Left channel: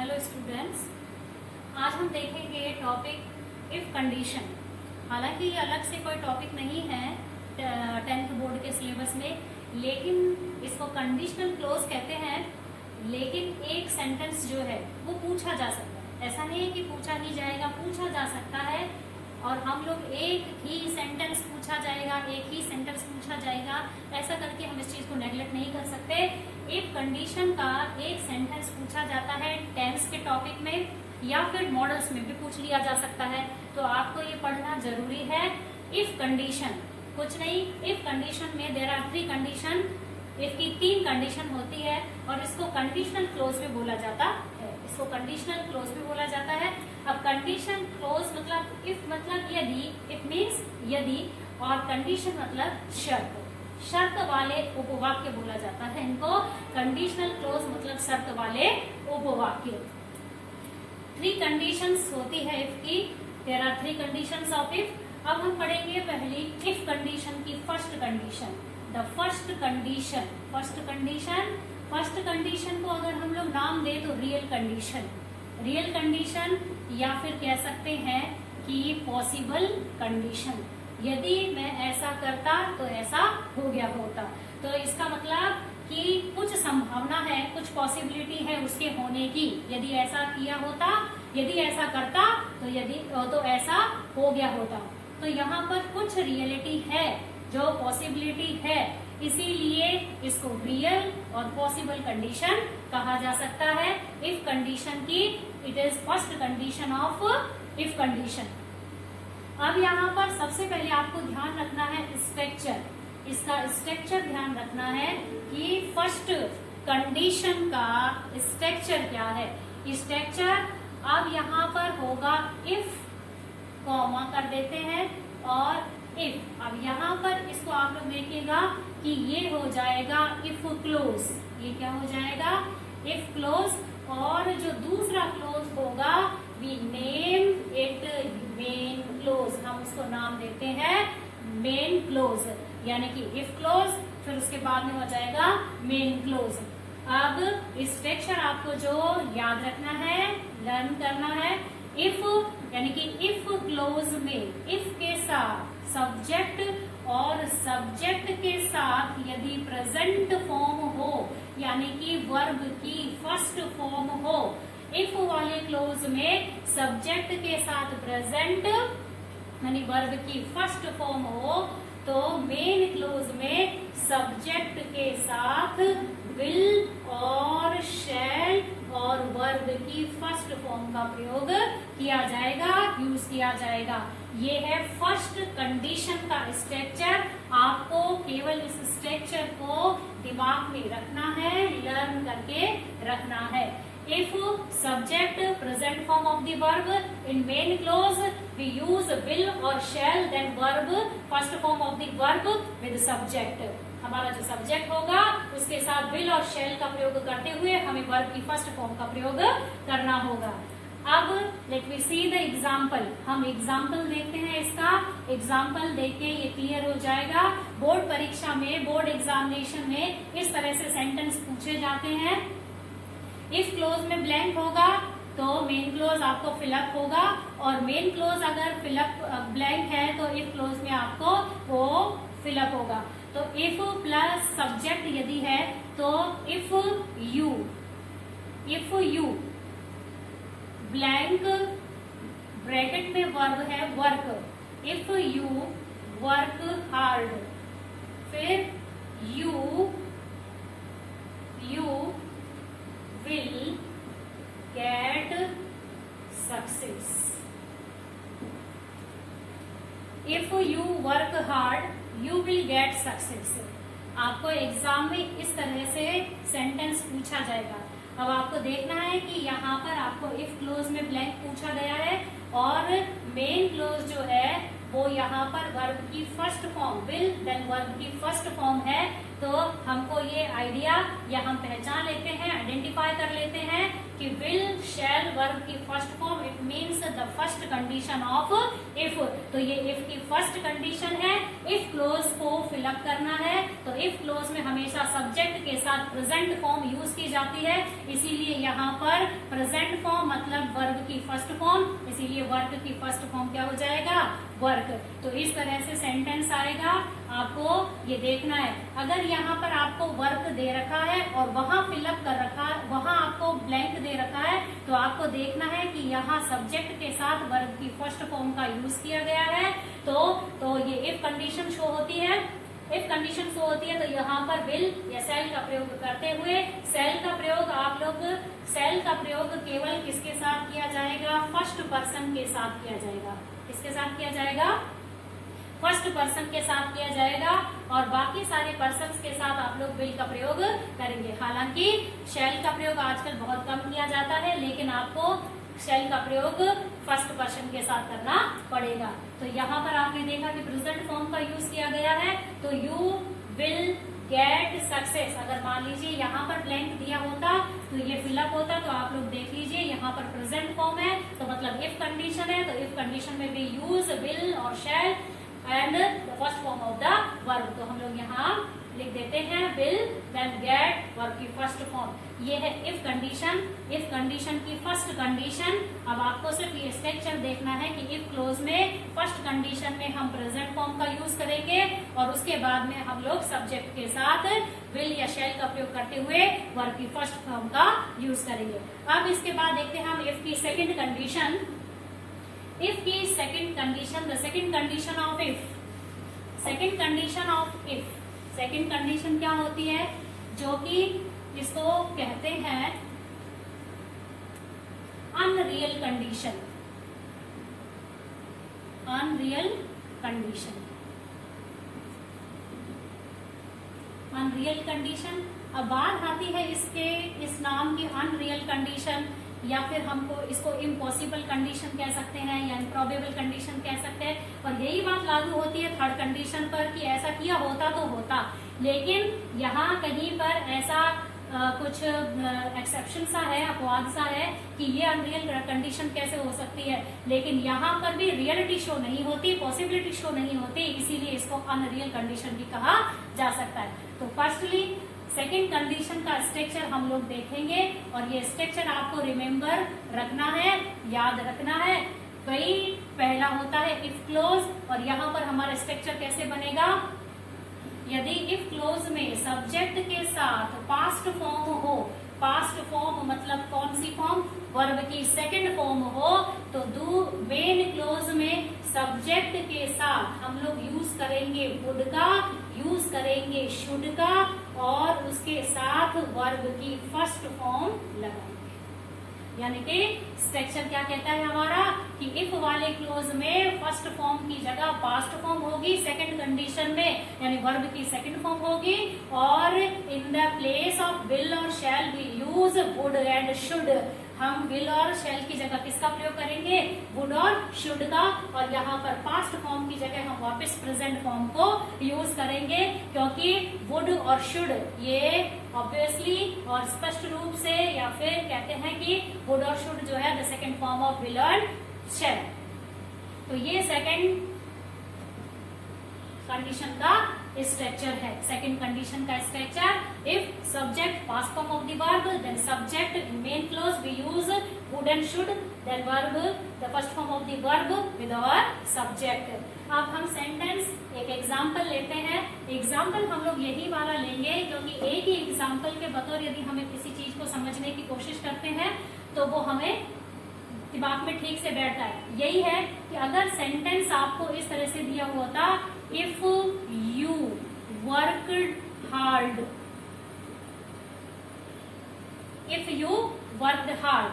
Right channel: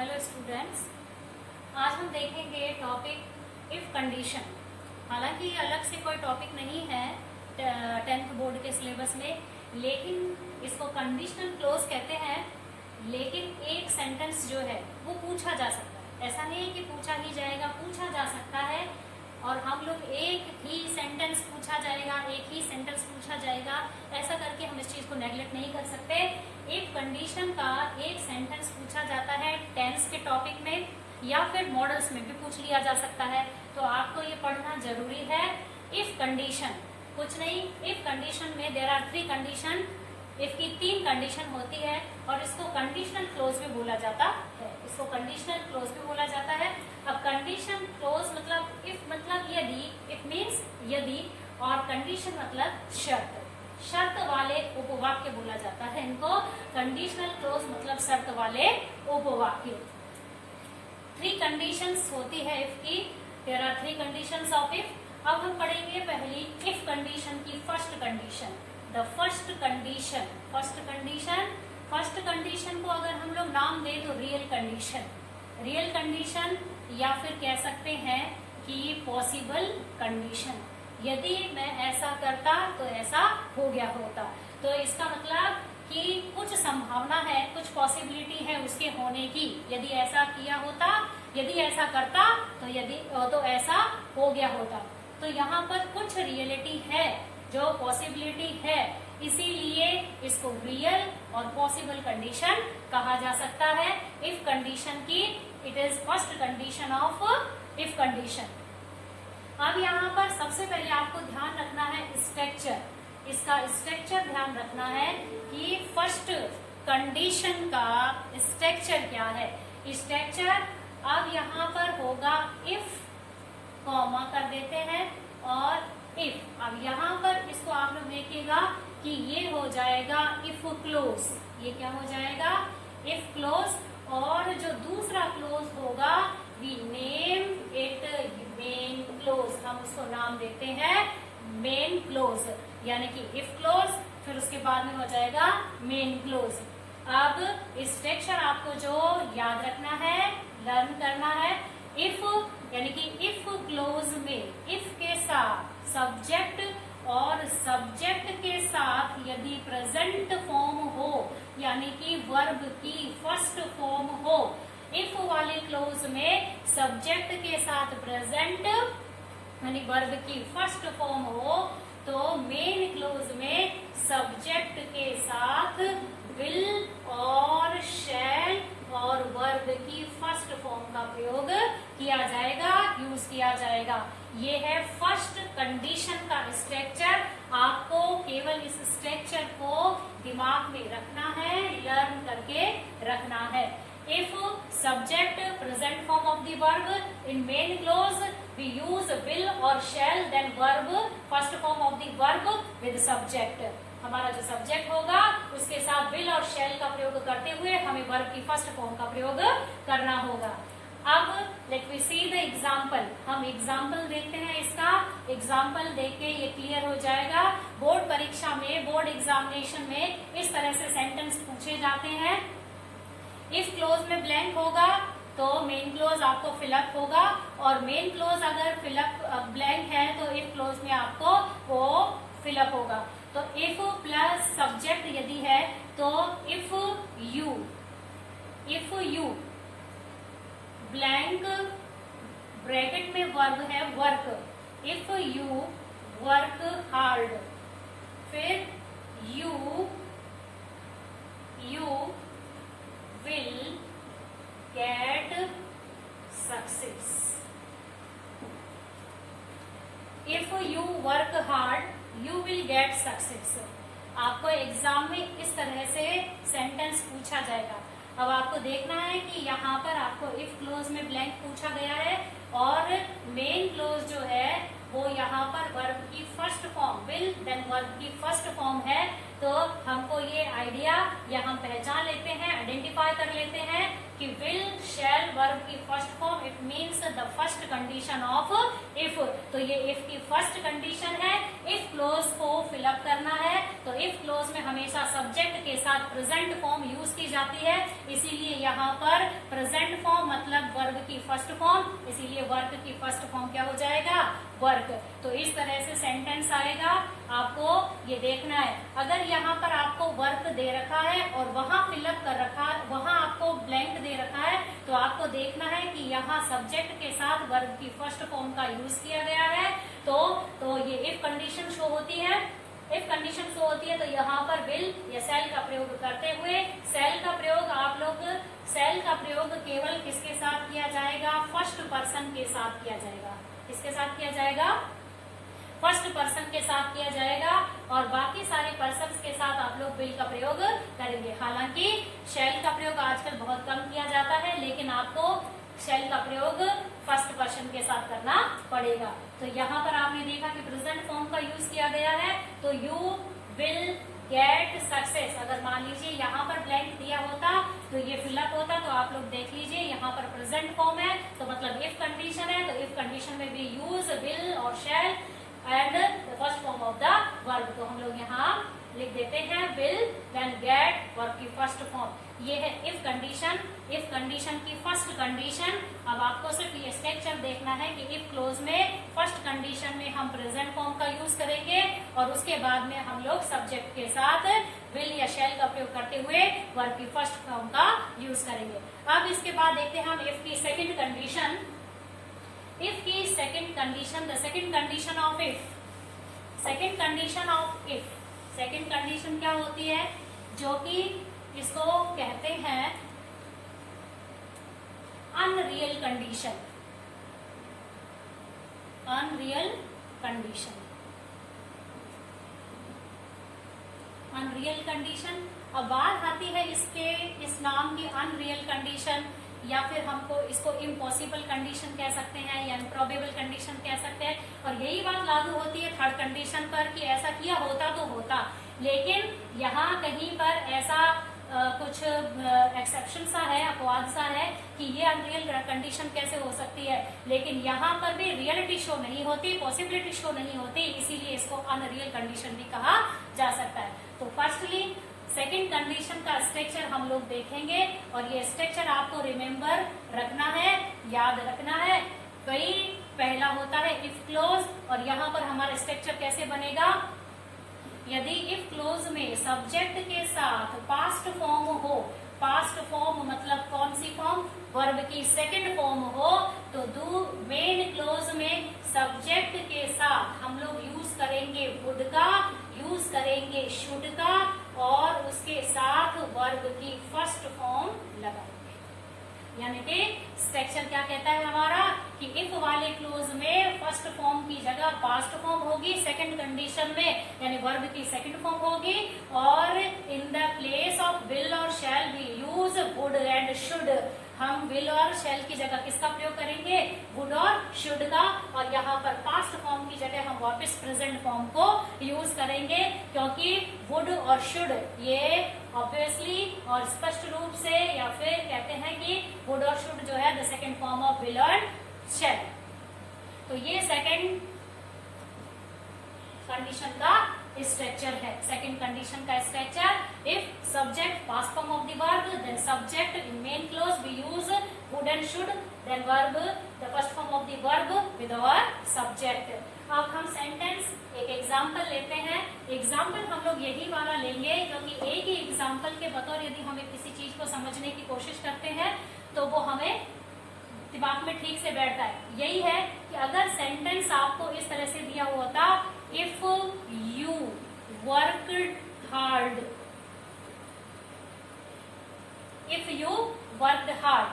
Hello students, आज हम देखेंगे टॉपिक इफ कंडीशन। हालांकि ये अलग से कोई टॉपिक नहीं है 10th बोर्ड के सिलेबस में, लेकिन इसको कंडीशनल क्लोज कहते हैं। लेकिन एक सेंटेंस जो है वो पूछा जा सकता है, ऐसा नहीं है कि पूछा ही जाएगा, पूछा जा सकता है। और हम लोग एक ही सेंटेंस पूछा जाएगा, एक ही सेंटेंस पूछा जाएगा, ऐसा करके हम इस चीज को नेग्लेक्ट नहीं कर सकते। इफ कंडीशन का एक सेंटेंस पूछा जाता है टेंस के टॉपिक में या फिर मॉडल्स में भी पूछ लिया जा सकता है, तो आपको ये पढ़ना जरूरी है। इफ कंडीशन कुछ नहीं, इफ कंडीशन में देयर आर 3 कंडीशन। इफ की 3 कंडीशन होती है और इसको कंडीशनल क्लोज भी बोला जाता है। इसको कंडीशनल क्लोज भी बोला जाता है। अब कंडीशन क्लोज मतलब इफ मतलब यदि, इफ मीन्स यदि, और कंडीशन मतलब शर्त, शर्त वाले उपवाक्य बोला जाता है इनको। कंडीशनल क्लोज मतलब शर्त वाले उपवाक्य। 3 कंडीशंस होती है इफ की, there are 3 conditions of if. अब हम पढ़ेंगे पहली इफ कंडीशन की first condition, the first condition. First condition को अगर हम लोग नाम दें तो रियल कंडीशन या फिर कह सकते हैं कि पॉसिबल कंडीशन। यदि मैं ऐसा करता तो ऐसा हो गया होता, तो इसका मतलब कि कुछ संभावना है, कुछ पॉसिबिलिटी है उसके होने की। यदि ऐसा किया होता, यदि ऐसा करता तो ऐसा हो गया होता। तो यहाँ पर कुछ रियलिटी है, जो पॉसिबिलिटी है, इसीलिए इसको रियल और पॉसिबल कंडीशन कहा जा सकता है। इफ कंडीशन की it is first condition of if condition. अब यहाँ पर सबसे पहले आपको ध्यान रखना है स्ट्रक्चर, इसका स्ट्रक्चर ध्यान रखना है कि फर्स्ट कंडीशन का स्ट्रक्चर क्या है। स्ट्रक्चर अब यहाँ पर होगा इफ, कॉमा कर देते हैं, और इफ। अब यहाँ पर इसको आप लोग देखिएगा कि ये हो जाएगा इफ क्लोज। ये क्या हो जाएगा? If clause. और जो दूसरा क्लोज होगा we name it main clause, हम उसको नाम देते हैं मेन क्लोज। यानी कि इफ क्लोज, फिर उसके बाद में हो जाएगा मेन क्लोज। अब स्ट्रक्चर आपको जो याद रखना है, लर्न करना है। इफ यानी कि इफ क्लोज में इफ के साथ सब्जेक्ट और सब्जेक्ट के साथ यदि प्रेजेंट फॉर्म हो, यानी कि वर्ब की फर्स्ट फॉर्म हो। इफ वाले क्लोज में सब्जेक्ट के साथ प्रेजेंट यानी वर्ब की फर्स्ट फॉर्म हो, तो मेन क्लोज में सब्जेक्ट के साथ विल और शैल और वर्ब की फर्स्ट फॉर्म का प्रयोग किया जाएगा, यूज किया जाएगा। ये है फर्स्ट कंडीशन का स्ट्रक्चर। आपको केवल इस स्ट्रक्चर को दिमाग में रखना है, लर्न करके रखना है। If subject present form of the verb in main clause we use will और shall, then verb first form of the verb with subject. हमारा जो सब्जेक्ट होगा उसके साथ विल और शैल का प्रयोग करते हुए हमें वर्ब की फर्स्ट फॉर्म का प्रयोग करना होगा। अब let we see the example. हम एग्जाम्पल देखते हैं, इसका एग्जाम्पल देख के ये क्लियर हो जाएगा। बोर्ड परीक्षा में, बोर्ड एग्जामिनेशन में इस तरह से सेंटेंस पूछे जाते हैं। इफ क्लोज में ब्लैंक होगा तो मेन क्लोज आपको फिलअप होगा, और मेन क्लोज अगर फिलअप ब्लैंक है तो इफ क्लोज में आपको वो फिलअप होगा। तो इफ प्लस सब्जेक्ट यदि है तो इफ यू ब्लैंक ब्रैकेट में वर्ब है work. If you work hard, फिर you will get success. If you work hard you will get success. आपको एग्जाम में इस तरह से सेंटेंस पूछा जाएगा। अब आपको देखना है कि यहाँ पर आपको इफ क्लोज में ब्लैंक पूछा गया है और मेन क्लोज जो है वो यहाँ पर वर्ब की first form will then verb की फर्स्ट फॉर्म है। तो हमको ये आइडिया या हम पहचान लेते हैं, आइडेंटिफाई कर लेते हैं कि विल शैल वर्ब की first form, it means the first condition of if. तो ये इफ की फर्स्ट कंडीशन है। इफ क्लोज को फिलअप करना है तो इफ क्लोज में हमेशा सब्जेक्ट के साथ प्रेजेंट फॉर्म यूज की जाती है, इसीलिए यहाँ पर प्रेजेंट फॉर्म मतलब वर्ब की फर्स्ट फॉर्म, इसीलिए वर्ब की फर्स्ट फॉर्म क्या हो जाएगा, वर्क। तो इस तरह से सेंटेंस आएगा, आपको ये देखना है। अगर यहाँ पर आपको वर्क दे रखा है और वहां फिलअप कर रखा है, वहां आपको ब्लैंक दे रखा है, तो आपको देखना है कि यहाँ सब्जेक्ट के साथ वर्ब की फर्स्ट फॉर्म का यूज किया गया है। तो ये इफ कंडीशन शो होती है। इफ कंडीशन शो होती है तो यहाँ पर विल या सेल का प्रयोग करते हुए, सेल का प्रयोग केवल किसके साथ किया जाएगा, फर्स्ट पर्सन के साथ किया जाएगा। किसके साथ किया जाएगा, फर्स्ट पर्सन के साथ किया जाएगा, और बाकी सारे पर्सन्स के साथ आप लोग विल का प्रयोग करेंगे। हालांकि शैल का प्रयोग आजकल बहुत कम किया जाता है, लेकिन आपको शैल का प्रयोग फर्स्ट पर्सन के साथ करना पड़ेगा। तो यहाँ पर आपने देखा कि प्रेजेंट फॉर्म का यूज किया गया है, तो यू विल गेट सक्सेस। अगर मान लीजिए यहाँ पर ब्लैंक दिया होता तो ये फिलअप होता, तो आप लोग देख लीजिए यहाँ पर प्रेजेंट फॉर्म है, तो मतलब इफ कंडीशन है, तो इफ कंडीशन में भी यूज विल और shall and the first form of the verb. तो हम लोग यहाँ लिख देते हैं विल देन गेट वर्ब की फर्स्ट फॉर्म। ये है इफ कंडीशन। इफ कंडीशन की फर्स्ट कंडीशन। अब आपको सिर्फ ये स्ट्रक्चर देखना है कि इफ क्लोज में फर्स्ट कंडीशन में हम प्रेजेंट फॉर्म का यूज करेंगे और उसके बाद में हम लोग सब्जेक्ट के साथ विल या शैल का प्रयोग करते हुए वर्ब की फर्स्ट फॉर्म का यूज करेंगे। अब इसके बाद देखते हैं हम इफ की सेकेंड कंडीशन। इफ की second condition, the second condition of if. Second condition of if, second condition क्या होती है, जो कि इसको कहते हैं unreal condition. Unreal condition, unreal condition. अब बात आती है इस नाम की अनरियल कंडीशन, या फिर हमको इसको इम्पॉसिबल कंडीशन कह सकते हैं या इम्प्रॉबेबल कंडीशन कह सकते हैं। और यही बात लागू होती है थर्ड कंडीशन पर कि ऐसा किया होता तो होता, लेकिन यहाँ कहीं पर ऐसा कुछ एक्सेप्शन सा है, अपवाद सा है कि ये अनरियल कंडीशन कैसे हो सकती है, लेकिन यहाँ पर भी रियलिटी शो नहीं होती, पॉसिबिलिटी शो नहीं होती, इसीलिए इसको अनरियल कंडीशन भी कहा जा सकता है। तो फर्स्टली सेकेंड कंडीशन का स्ट्रक्चर हम लोग देखेंगे, और ये स्ट्रक्चर आपको रिमेम्बर रखना है, याद रखना है। वही पहला होता है इफ क्लोज, और यहाँ पर हमारा स्ट्रक्चर कैसे बनेगा, यदि इफ क्लोज में सब्जेक्ट के साथ पास्ट फॉर्म हो, पास्ट फॉर्म मतलब कौन सी फॉर्म, वर्ब की सेकंड फॉर्म हो, तो डू मेन क्लोज में सब्जेक्ट के साथ हम लोग यूज करेंगे वुड का, यूज करेंगे शुड का, और उसके साथ वर्ब की फर्स्ट फॉर्म लगाएंगे। यानी कि स्ट्रक्चर क्या कहता है हमारा कि इफ वाले क्लोज में फर्स्ट फॉर्म की जगह पास्ट फॉर्म होगी, सेकंड कंडीशन में यानी वर्ब की सेकंड फॉर्म होगी, और in the place of will और shall we use would and should. हम विल और शैल की जगह किसका प्रयोग करेंगे, वुड और शुड का, और यहाँ पर पास्ट फॉर्म की जगह हम वापस प्रेजेंट फॉर्म को यूज करेंगे, क्योंकि वुड और शुड ये ऑब्वियसली और स्पष्ट रूप से, या फिर कहते हैं कि वुड और शुड जो है the second form of will और शैल। तो ये सेकेंड कंडीशन का स्ट्रक्चर है। सेकेंड कंडीशन का structure, if subject past form of the verb, then subject in main clause we use would and should, then verb the first form of the verb with our subject. अब हम sentence एक example लेते हैं। Example हम लोग यही वाला लेंगे, क्योंकि एक ही एग्जाम्पल के बतौर यदि हमें किसी चीज को समझने की कोशिश करते हैं तो वो हमें दिमाग में ठीक से बैठता है। यही है कि अगर सेंटेंस आपको इस तरह से दिया हुआ था, if you worked hard, if you worked hard,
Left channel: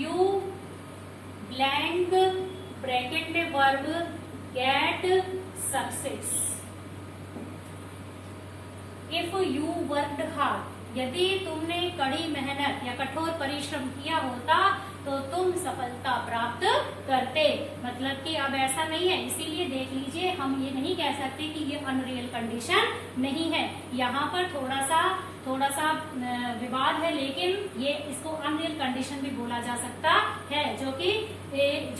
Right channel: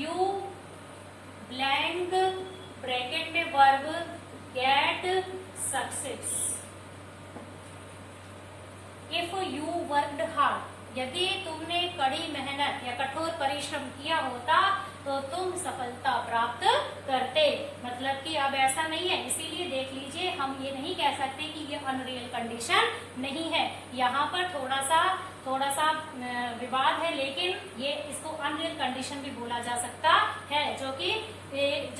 you blank bracket में verb get success. If you worked hard, यदि तुमने कड़ी मेहनत या कठोर परिश्रम किया होता तो तुम सफलता प्राप्त करते। मतलब कि अब ऐसा नहीं है, इसीलिए देख लीजिए हम ये नहीं कह सकते कि ये अनरियल कंडीशन नहीं है। यहाँ पर थोड़ा सा निर्बाध है, लेकिन ये इसको अनरियल कंडीशन भी बोला जा सकता है, जो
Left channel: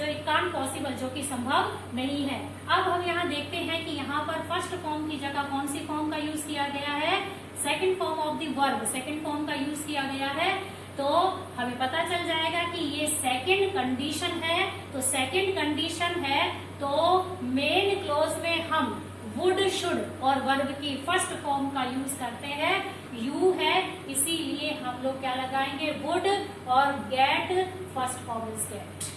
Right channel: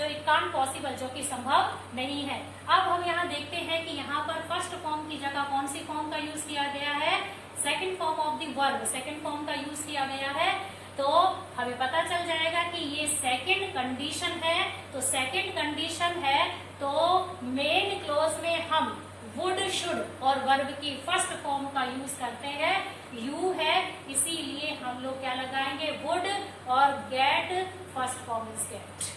इट कांट पॉसिबल, जो कि संभव नहीं है। अब हम यहाँ देखते हैं कि यहाँ पर फर्स्ट फॉर्म की जगह कौन सी फॉर्म का यूज किया गया है, second form of the verb, second form का यूज किया गया है। तो हमें पता चल जाएगा कि ये सेकंड कंडीशन है। तो सेकंड कंडीशन है तो मेन क्लोज में हम वुड, शुड और वर्ब की फर्स्ट फॉर्म का यूज करते हैं। यू है, इसीलिए हम लोग क्या लगाएंगे, वुड, और get first form is get.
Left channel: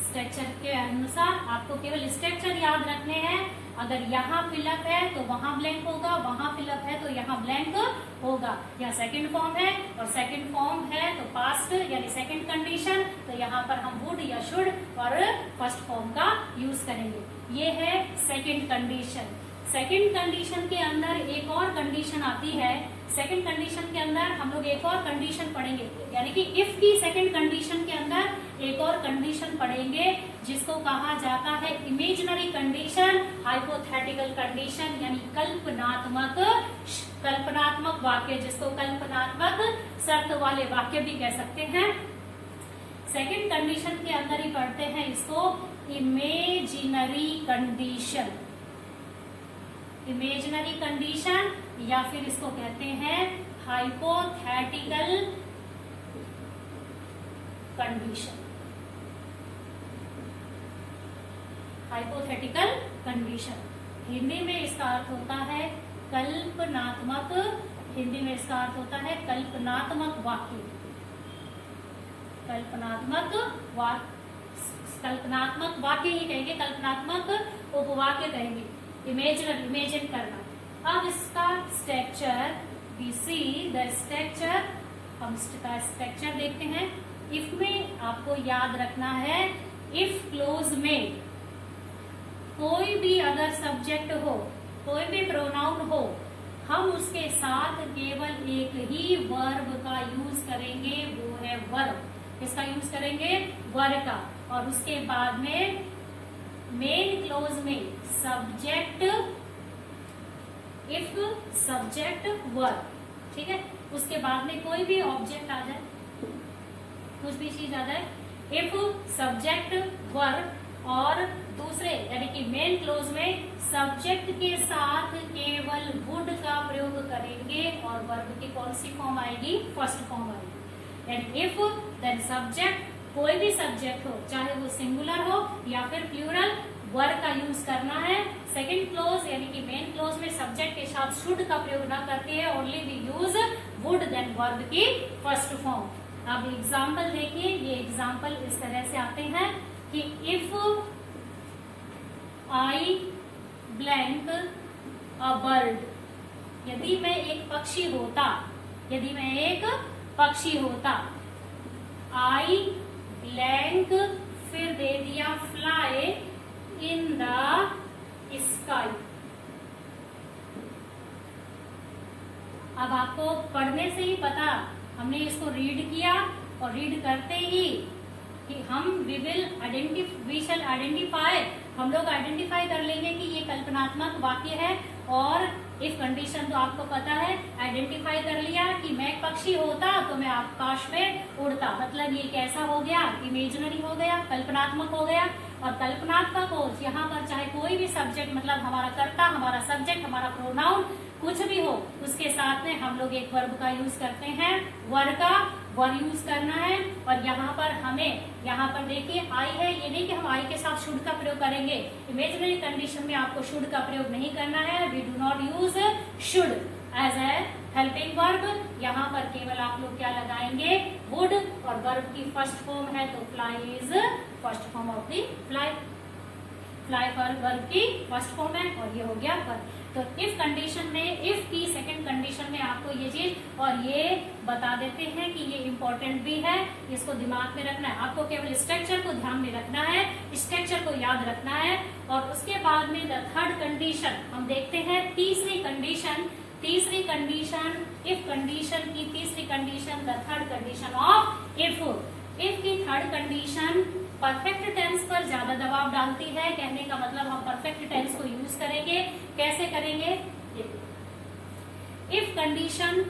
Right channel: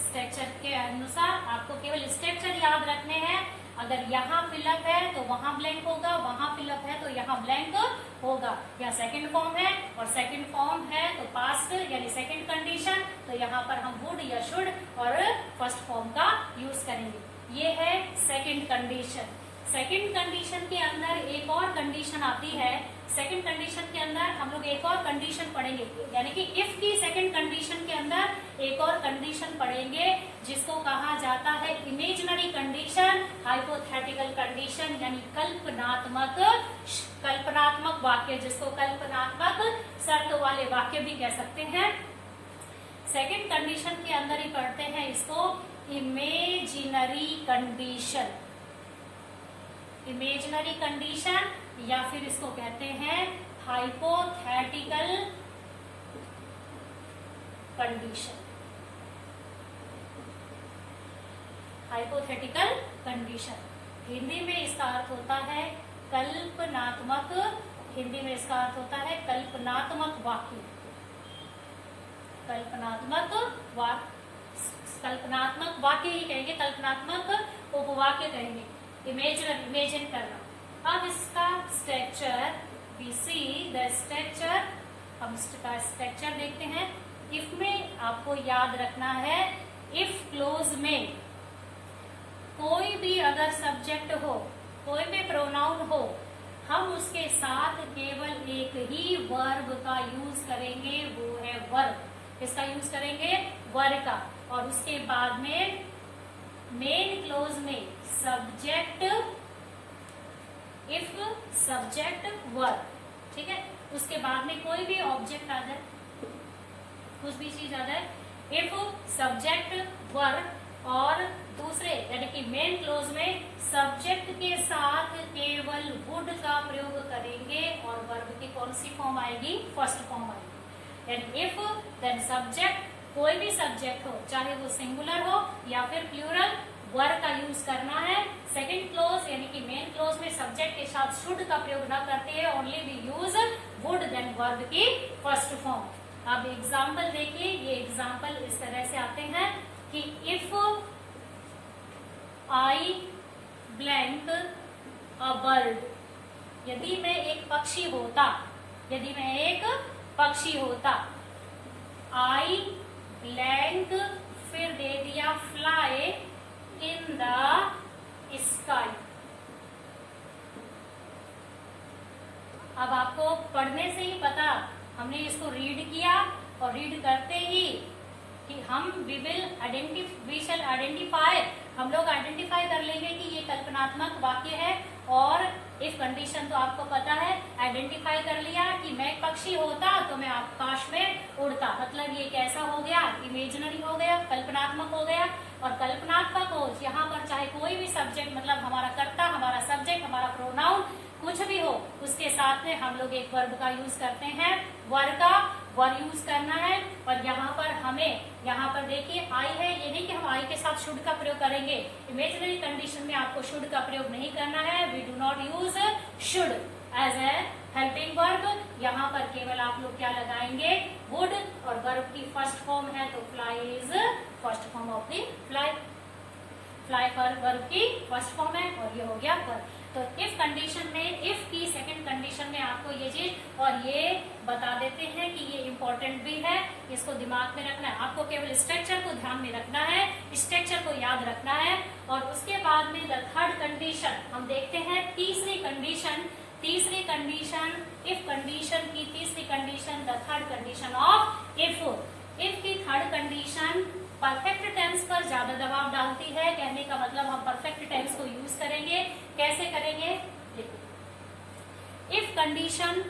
Structure के अनुसार आपको केवल स्ट्रक्चर याद रखने हैं। अगर यहाँ फिलअप है तो वहां ब्लैंक होगा, वहां फिलअप है तो यहाँ ब्लैंक होगा। यहाँ सेकंड फॉर्म है और सेकंड फॉर्म है तो पास्ट यानी सेकंड कंडीशन, तो यहाँ पर हम वुड या शुड और फर्स्ट फॉर्म का यूज करेंगे। ये है सेकंड कंडीशन। सेकंड कंडीशन के अंदर एक और कंडीशन आती है। सेकंड कंडीशन के अंदर हम लोग एक और कंडीशन पढ़ेंगे, यानी कि इफ की सेकंड कंडीशन के अंदर एक और कंडीशन पढ़ेंगे जिसको कहा जाता है इमेजिनरी कंडीशन, हाइपोथेटिकल कंडीशन, यानी कल्पनात्मक वाक्य, जिसको कल्पनात्मक शर्त वाले वाक्य भी कह सकते हैं। सेकंड कंडीशन के अंदर ही पढ़ते हैं इसको इमेजिनरी कंडीशन, इमेजिनरी कंडीशन, या फिर इसको कहते हैं hypothetical condition. Hypothetical condition Hindi में इसका अर्थ होता है कल्पनात्मक, हिंदी में इसका अर्थ होता है कल्पनात्मक वाक्य, कल्पनात्मक वाक्य ही कहेंगे, कल्पनात्मक उपवाक्य कहेंगे, इमेजिन करना। अब इसका structure, we see the structure, हम इसका स्ट्रक्चर देखते हैं। इफ में आपको याद रखना है, इफ क्लोज में कोई भी अगर सब्जेक्ट हो, कोई भी प्रोनाउन हो, हम उसके साथ केवल एक ही वर्ब का यूज करेंगे, वो है वर्ब। किसका यूज करेंगे, वर्ब का, और उसके बाद में मेन क्लोज में सब्जेक्ट, इफ सब्जेक्ट वर्ब, ठीक है। उसके बाद में कोई भी ऑब्जेक्ट आ जाए, कुछ भी चीज आ जाए, इफ सब्जेक्ट वर्ब, और दूसरे यानी कि मेन क्लोज में सब्जेक्ट के साथ केवल वुड का प्रयोग करेंगे, और वर्ब की कौन सी फॉर्म आएगी, फर्स्ट फॉर्म आएगी। यानी इफ देन सब्जेक्ट, कोई भी सब्जेक्ट हो, चाहे वो सिंगुलर हो या फिर प्लूरल, वर्ब का यूज करना है। सेकंड क्लोज यानी कि मेन क्लोज में सब्जेक्ट के साथ शुड का प्रयोग न करते हैं, only we use would then verb की फर्स्ट फॉर्म। अब एग्जाम्पल देखिए, ये एग्जाम्पल इस तरह से आते हैं कि if I blank a bird, यदि मैं एक पक्षी होता, यदि मैं एक पक्षी होता, आई ब्लैंक, फिर दे दिया फ्लाई इन द स्काई। अब आपको पढ़ने से ही पता, हमने इसको रीड किया और रीड करते ही कि हम वी शैल आइडेंटिफाई, हम लोग आइडेंटिफाई कर लेंगे कि ये कल्पनात्मक वाक्य है। और इफ कंडीशन तो आपको पता है, आइडेंटिफाई कर लिया कि मैं एक पक्षी होता तो मैं आकाश में उड़ता, मतलब ये कैसा हो गया, इमेजिनरी हो गया, कल्पनात्मक हो गया। और कल्पनात्मक हो, यहाँ पर चाहे कोई भी सब्जेक्ट, मतलब हमारा कर्ता, हमारा सब्जेक्ट, हमारा प्रोनाउन कुछ भी हो, उसके साथ में हम लोग एक वर्ब का यूज करते हैं, वर्ब का वर्ब यूज करना है। और यहाँ पर हमें, यहाँ पर देखिए आई है, ये नहीं कि हम आई के साथ शुड का प्रयोग करेंगे, इमेजिनरी कंडीशन में आपको शुड का प्रयोग नहीं करना है, we do not use should as a helping verb. यहाँ पर केवल आप लोग क्या लगाएंगे, वुड, और वर्ब की फर्स्ट फॉर्म है तो fly is first form of the fly, fly पर वर्ब की फर्स्ट फॉर्म है, और ये हो गया वर्ब। तो इफ कंडीशन में, इफ की सेकंड कंडीशन में आपको ये चीज और ये बता देते हैं कि ये इंपॉर्टेंट भी है, इसको दिमाग में रखना है। आपको केवल स्ट्रक्चर को ध्यान में रखना है, स्ट्रक्चर को याद रखना है। और उसके बाद में द थर्ड कंडीशन हम देखते हैं, तीसरी कंडीशन, तीसरी कंडीशन, इफ कंडीशन की तीसरी condition, the third condition of if. If की थर्ड कंडीशन परफेक्ट टेंस पर ज्यादा दबाव डालती है, कहने का मतलब हम परफेक्ट टेंस को यूज करेंगे। कैसे करेंगे, if condition,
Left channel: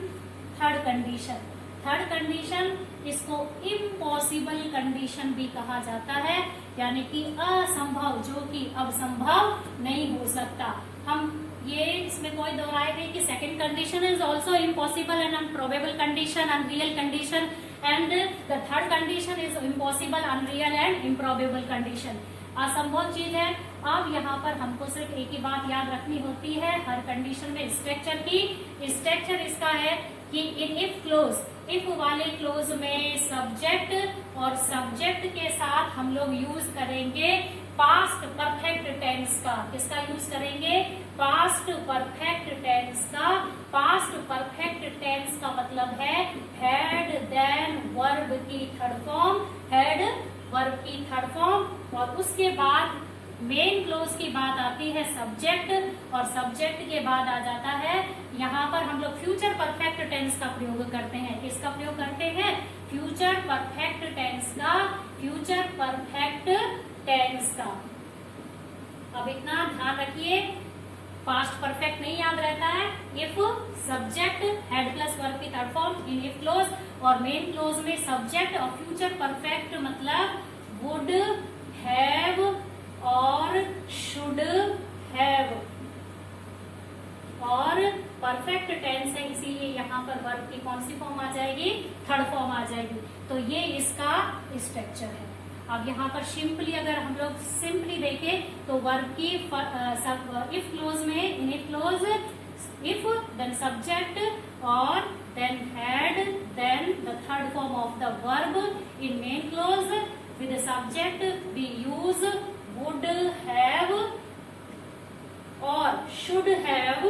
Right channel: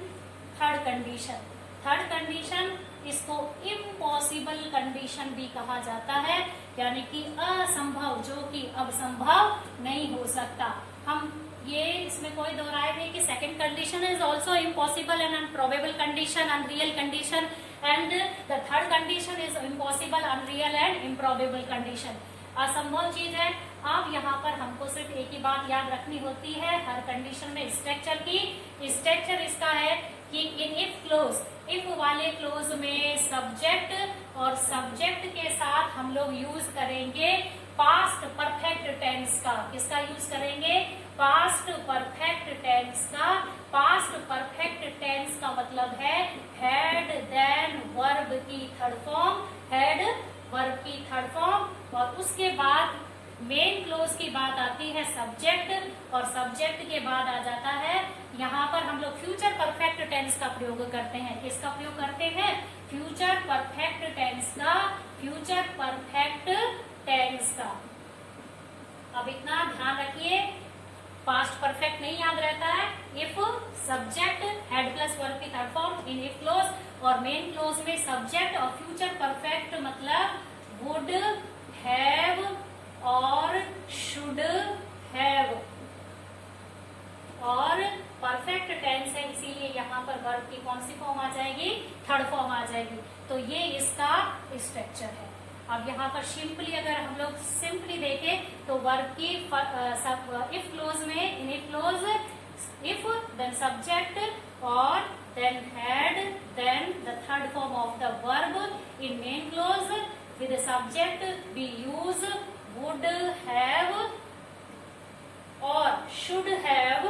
third condition. Condition. Third condition, इसको इम्पॉसिबल कंडीशन भी कहा जाता है, यानी कि असंभव, जो कि अब संभव नहीं हो सकता। हम ये इसमें कोई दो राय नहीं कि second condition is also impossible and unprobable condition, unreal condition, and the third condition is impossible, unreal and improbable condition. असंभव चीज है। अब यहाँ पर हमको सिर्फ एक ही बात याद रखनी होती है हर कंडीशन में, स्ट्रक्चर की। स्ट्रक्चर इसका है कि इन इफ क्लोज, इफ वाले क्लोज में सब्जेक्ट और सब्जेक्ट के साथ हम लोग यूज करेंगे पास्ट परफेक्ट टेंस का। किसका यूज करेंगे? पास्ट परफेक्ट टेंस का। पास्ट परफेक्ट टेंस का मतलब है हैड देन वर्ब की थर्ड फॉर्म, हैड वर्ब की थर्ड फॉर्म, और उसके बाद मेन क्लोज की बात आती है सब्जेक्ट, और सब्जेक्ट के बाद आ जाता है यहाँ पर हम लोग फ्यूचर परफेक्ट टेंस का प्रयोग करते हैं। किसका प्रयोग करते हैं? फ्यूचर परफेक्ट टेंस का, फ्यूचर परफेक्ट टेंस का। अब इतना ध्यान रखिए, पास्ट परफेक्ट नहीं याद रहता है। If subject had plus verb की third form in if clause, और मेन क्लोज में सब्जेक्ट और फ्यूचर परफेक्ट मतलब वुड हैव और शुड हैव, और परफेक्ट टेंस है इसीलिए यहाँ पर वर्ब की कौन सी फॉर्म आ जाएगी? थर्ड फॉर्म आ जाएगी। तो ये इसका स्ट्रक्चर है। अब यहाँ पर सिंपली अगर हम लोग सिंपली देखें तो वर्ब की इफ क्लोज में, in if clause, if then subject और then had, then the third form of the verb in main clause with subject we use would have और should have,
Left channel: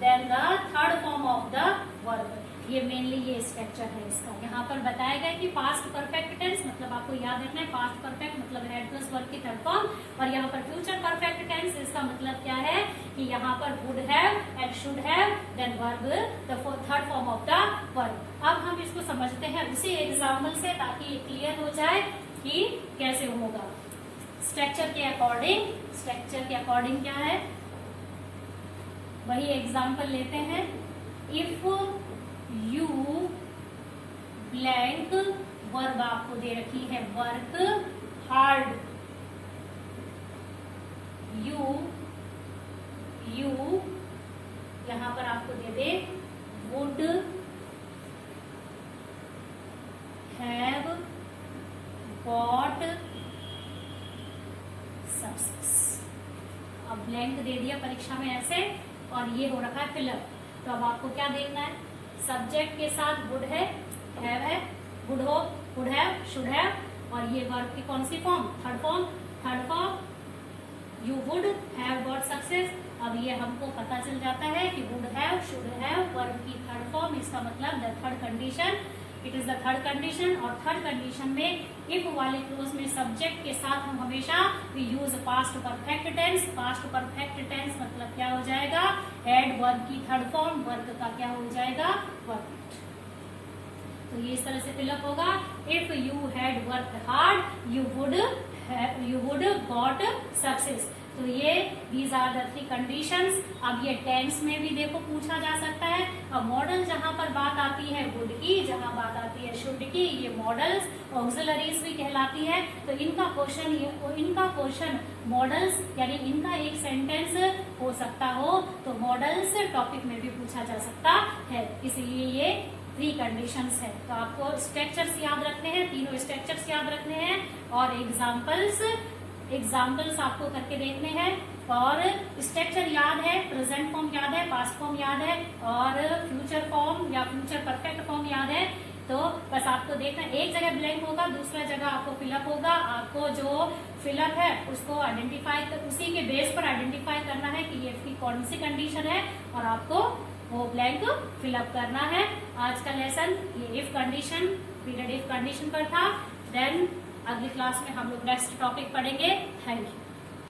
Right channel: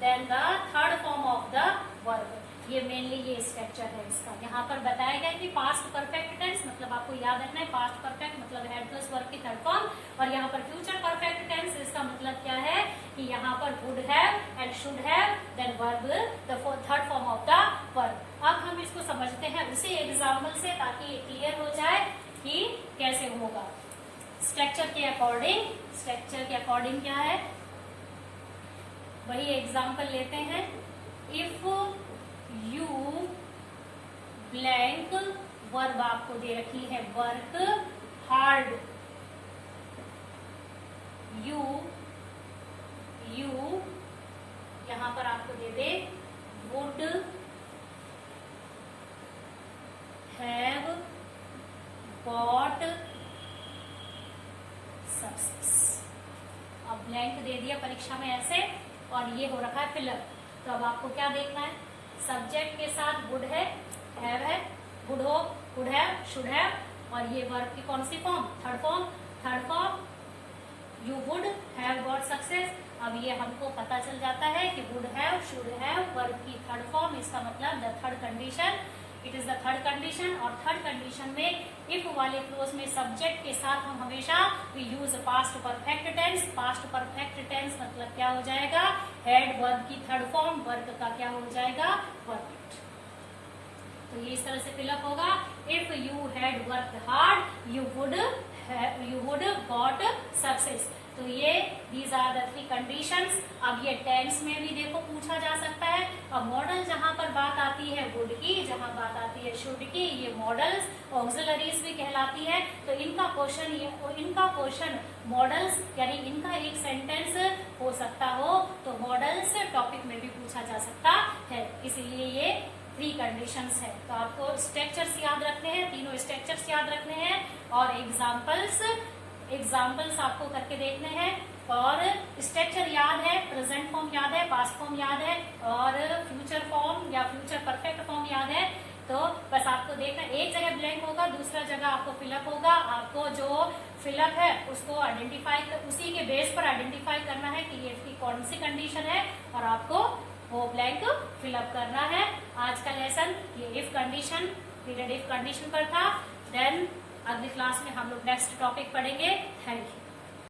then the third form of the verb। ये mainly ये structure है इसका। यहाँ पर बताया गया कि पास्ट परफेक्ट टेंस मतलब आपको याद रखना है, पास्ट परफेक्ट मतलब हैड प्लस वर्ब की थर्ड फॉर्म, और यहाँ पर फ्यूचर परफेक्ट टेंस इसका मतलब क्या है कि यहाँ पर would have and should have then verb the third form of the verb। अब हम इसको समझते हैं उसी एग्जाम्पल से ताकि क्लियर हो जाए कि कैसे होगा। स्ट्रक्चर के अकॉर्डिंग, स्ट्रक्चर के अकॉर्डिंग क्या है, वही एग्जाम्पल लेते हैं। इफ यू ब्लैंक, वर्ब आपको दे रखी है वर्क हार्ड, यू यहां पर आपको दे दे वुड हैव गॉट सक्सेस। अब ब्लैंक दे दिया परीक्षा में ऐसे, और ये हो रखा है फिलअप। तो अब आपको क्या देखना है? सब्जेक्ट के साथ वुड है, हैव है, वुड हो, वुड हैव, शुड हैव, और ये वर्ब की कौन सी form? Third form. Third form you would have got success. अब ये हमको पता चल जाता है कि would have, should have, verb की थर्ड फॉर्म, इसका मतलब the third condition, it is the third condition. और थर्ड कंडीशन में इफ वाले क्लोज में सब्जेक्ट के साथ हम हमेशा use past perfect tense. Past perfect tense मतलब क्या हो जाएगा? हैड वर्ब की थर्ड फॉर्म, वर्ब का क्या हो जाएगा? वर्ब। तो ये इस तरह से फिलअप होगा। If you had work hard you would got success. तो ये these are the three conditions. अब ये टेंस में भी देखो पूछा जा सकता है। अब मॉडल जहां पर बात आती है वुड की, जहां बात आती है शुड की, ये मॉडल्स ऑक्सिलरीज भी कहलाती है। तो इनका क्वेश्चन मॉडल्स यानी इनका एक सेंटेंस हो सकता हो तो मॉडल्स टॉपिक में भी पूछा जा सकता है। इसीलिए ये थ्री कंडीशंस है। तो आपको स्ट्रक्चर्स याद रखने हैं, तीनों स्ट्रक्चर्स याद रखने हैं, और एग्जाम्पल्स आपको करके देखने हैं। और स्ट्रक्चर याद है, प्रेजेंट फॉर्म याद है, पास्ट फॉर्म याद है, और फ्यूचर फॉर्म या फ्यूचर परफेक्ट फॉर्म याद है। तो बस आपको देखना, एक जगह ब्लैंक होगा, दूसरा जगह आपको फिलअप होगा। आपको जो फिलअप है उसको आइडेंटिफाई, उसी के बेस पर आइडेंटिफाई करना है कि ये इसकी कौन सी कंडीशन है, और आपको वो ब्लैंक फिलअप करना है। आज का लेसन ये if condition, period if condition पर था। देन अगली क्लास में हम लोग नेक्स्ट टॉपिक पढ़ेंगे। Thank you.